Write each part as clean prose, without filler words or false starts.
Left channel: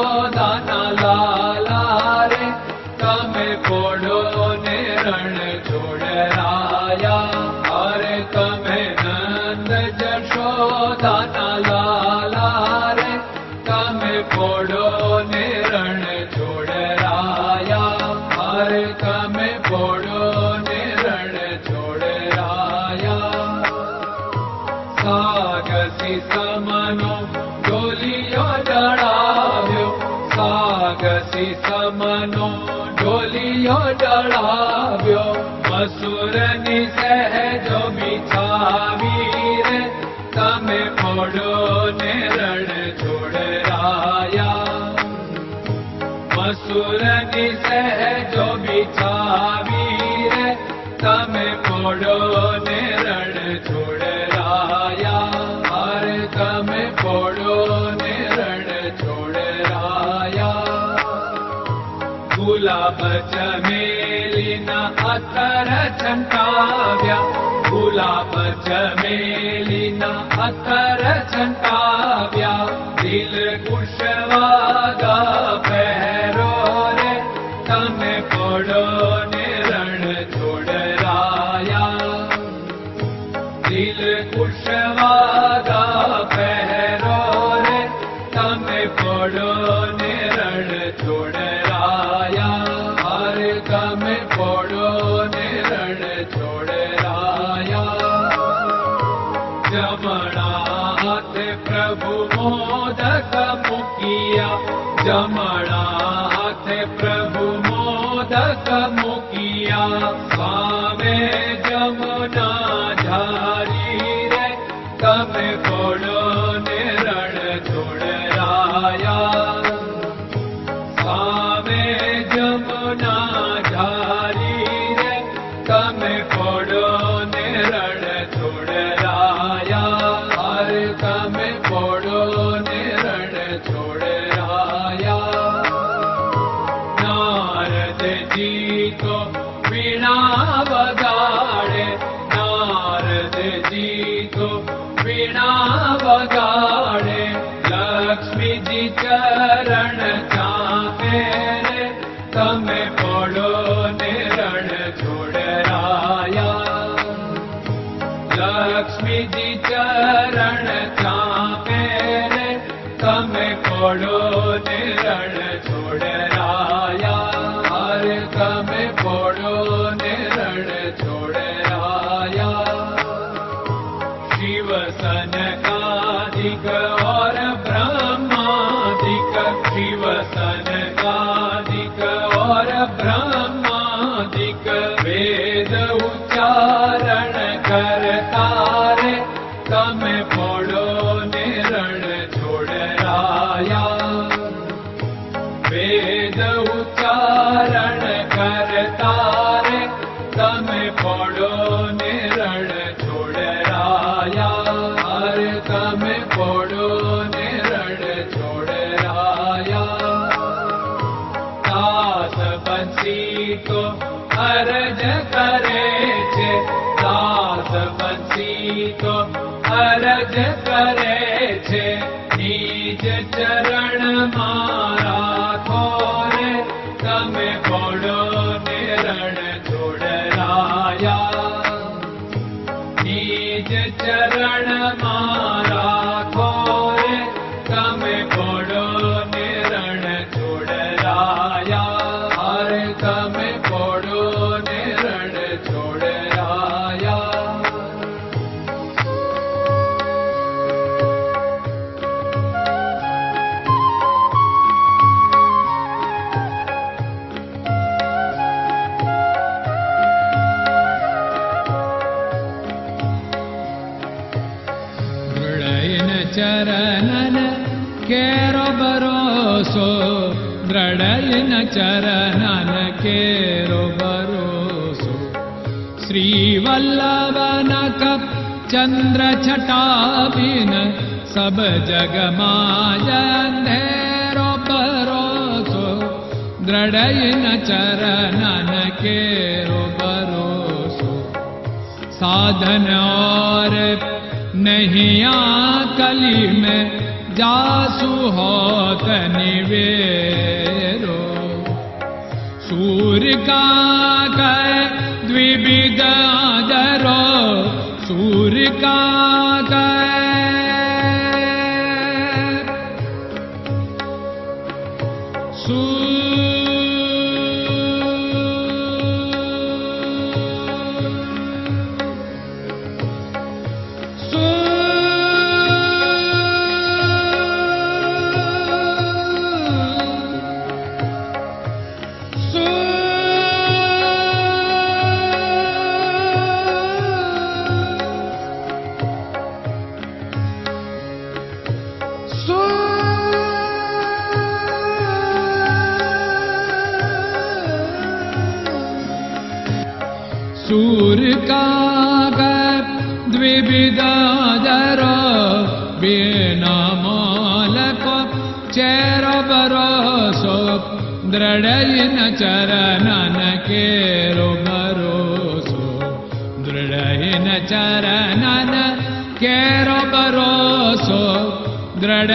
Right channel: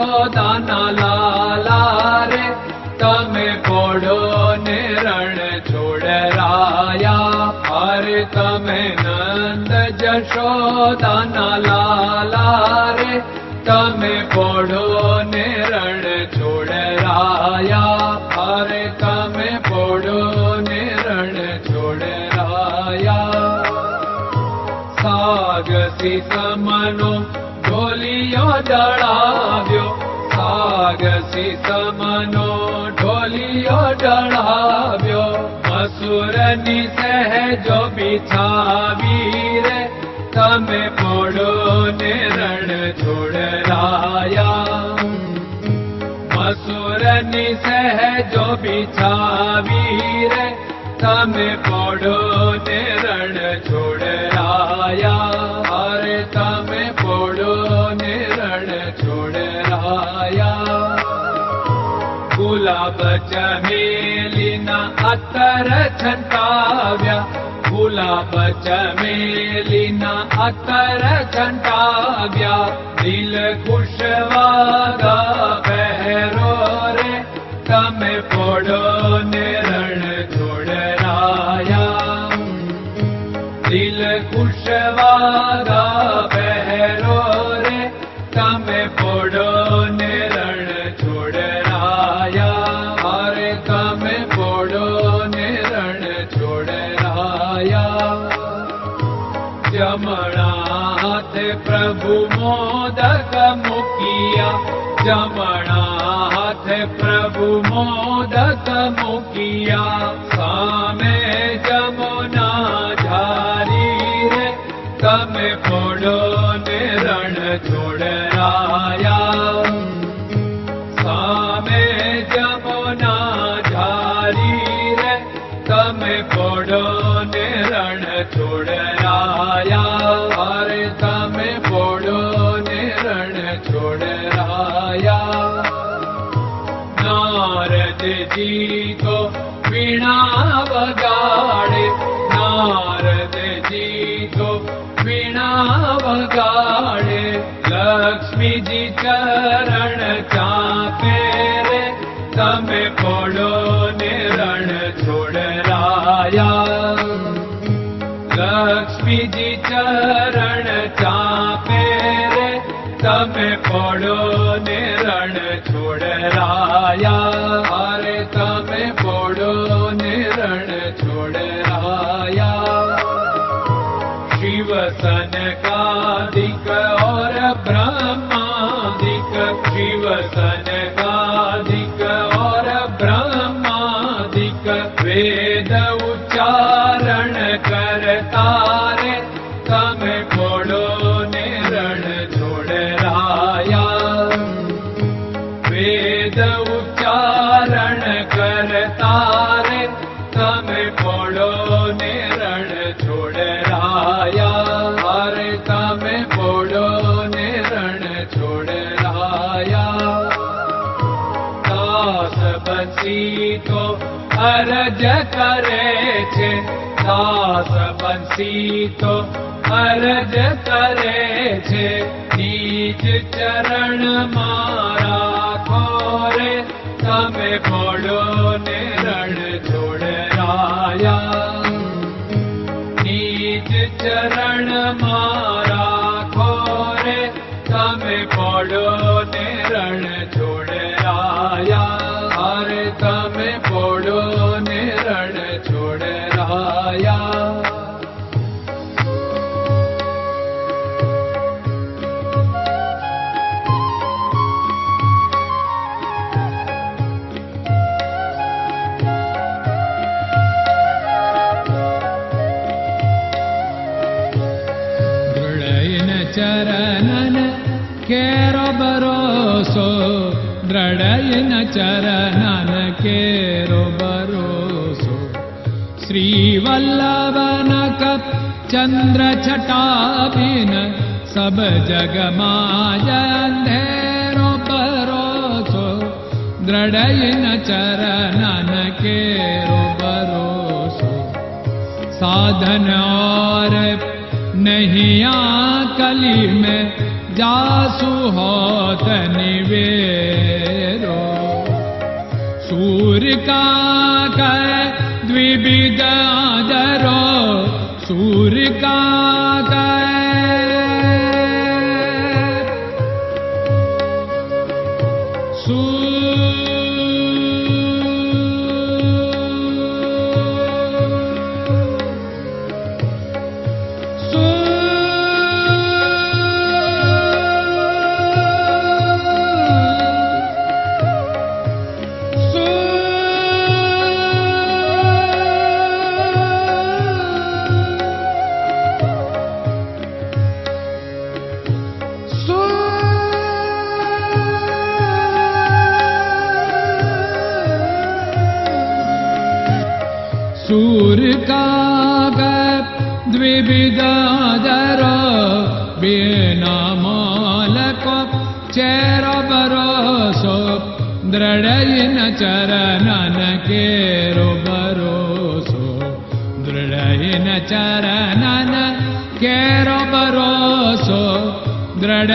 જશોદાના લાલા રે તમે પોડો ને રણ છોડરાયા. અરે તમે નંદ જશોદાના લાલા રે તમે પોડો ને રણ છોડરાયા. અરે તમે પોડો ને રણ છોડરાયા. સાગસી સમનો ઢોલિયો ડળાવ્યો, સાગસી સમનો ઢોલિયો ડળાવ્યો. મસૂરની સહેજો બિછાવી રે તમે પોડો ને રણ છોડરાયા. મસૂરની સહેજો બિછાવી રે તમે પોડો ને રણ છોડરાયા. અરે તમે પોડો ને રણ છોડરાયા. ગુલાબ ચમેલીના અત્તર છંટાવ્યા, ગુલાબ ચમેલીના અત્તર છંટાવ્યા. દિલ કુશવાદા પહેરો રે તમે પોડો ને રણ છોડરાયા. દિલ કુશવાદા પહેરો રે તમે પોડો ને રણ છોડરાયા. અરે તમે પોડો ને રણ છોડરાયા. જમણા હાથે પ્રભુ મોદક મૂકિયા, જમણા હાથે પ્રભુ મોદક મૂકિયા. સામે જમુના ઝારી રે તમે પોડો ને રણ છોડરાયા. સામે જમુના ઝારી રે તમે પોડો ને રણ છોડરાયા. અરે તમે પોડો ને રણ છોડરાયા. નારદજી તો વીણા વગાડે, નારદજી તો વીણા વગાડે. લક્ષ્મીજી ચરણ ચાકે રે તમે પોડો ને રણ છોડરાયા. લક્ષ્મીજી ચરણ ચાપે રે તમે પોડો ને રણ છોડરાયા. અરે તમે પોડો ને રણ છોડરાયા. શિવ સનકાદિક और ब्रह्मादिक, शिव सनकादिक और ब्रह्मादिक. वेद उच्चारण करता रे તમે પોડો ને રણ છોડરાયા. વેદ ઉચ્ચારણ કરતા રે તમે પોડો ને રણ છોડરાયા. અરે તમે પોડો ને રણ છોડરાયા. દાસ બંસી તો અરજ કરે છે, દાસ બંસી તો અરજ કરે છે. નીચ ચરણ મારા ખોરે તમે પોડો ને રણ છોડરાયા. નીચ ચરણ મારા ખોરે તમે પોડો ને રણ છોડરાયા. અરે તમે પોડો ને રણ છોડરાયા. ચરણન કેરો ભરોસો, દ્રઢયન ચરણન કેરો ભરોસો. શ્રી વલ્લભન કપ ચંદ્ર છટાબિન સબ જગમાં અંધેરો ભરોસો. દ્રઢયન ચરણન કેરો ભરોસો. साधन और नहीं कली में जासु होत निवेरो। सूर्य का कै द्विविध आदरो, सूर्य का कै सूर्य का द्विविधादरो, बिना मालको चेर भरोसो, दृढ़ चरणन केरो भरोसो, दृढ़ चरणन केरो भरोसो, दृढ़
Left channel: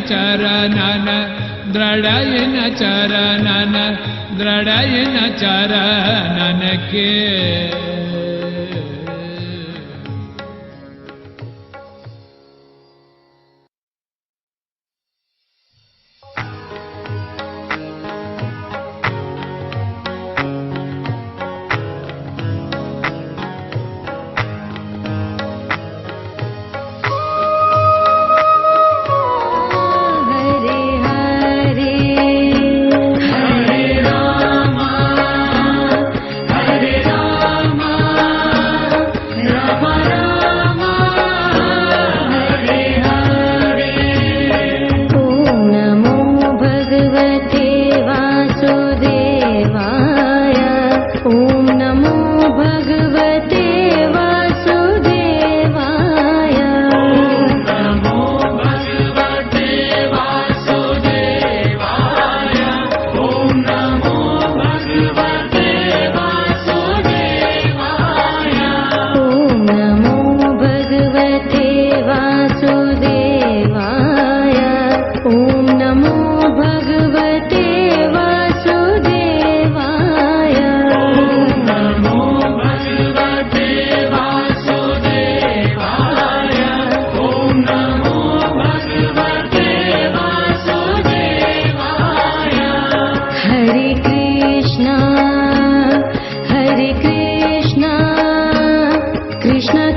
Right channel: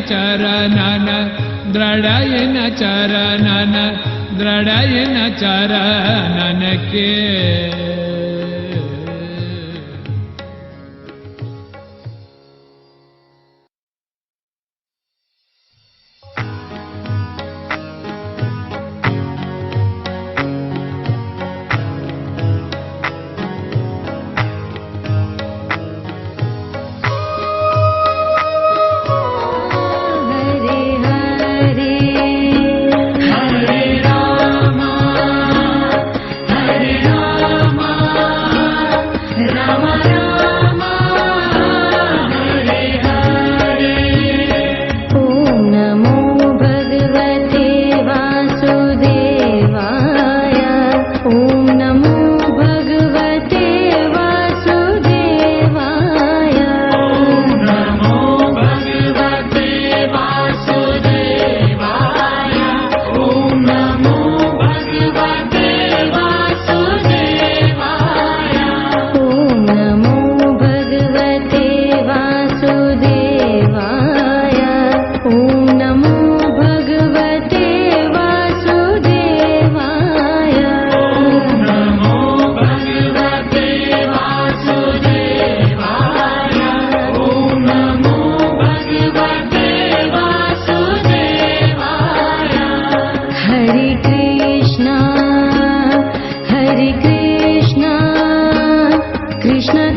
चरणन, दृढ़ चरणन, दृढ़ चरणन के। Krishna